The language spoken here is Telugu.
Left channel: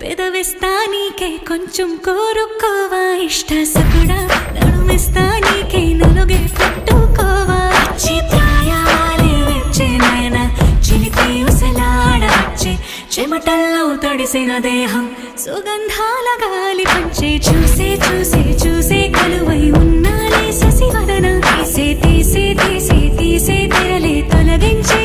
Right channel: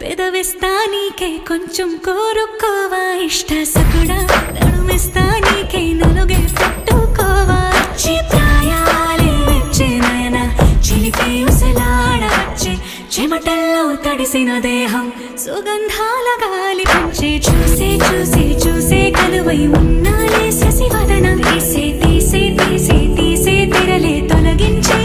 పెదవిస్తా నీకే కొంచెం కోరుకోవా ఇష్ట సకుడా నడుమిస్తా నీకే నలుగే పెట్టుకోవా వచ్చే ప్రాయాలే వచ్చే నయన చిలిపి ఉసలాడవచ్చే చెమటల్లో తడిసిన దేహం సుగంధాల గాలి పంచే చూసే చూసే చూసే కలువై ఉన్నాలే శశివదన తీసే తీసే తీసే తీసే తెరలే తొలగించి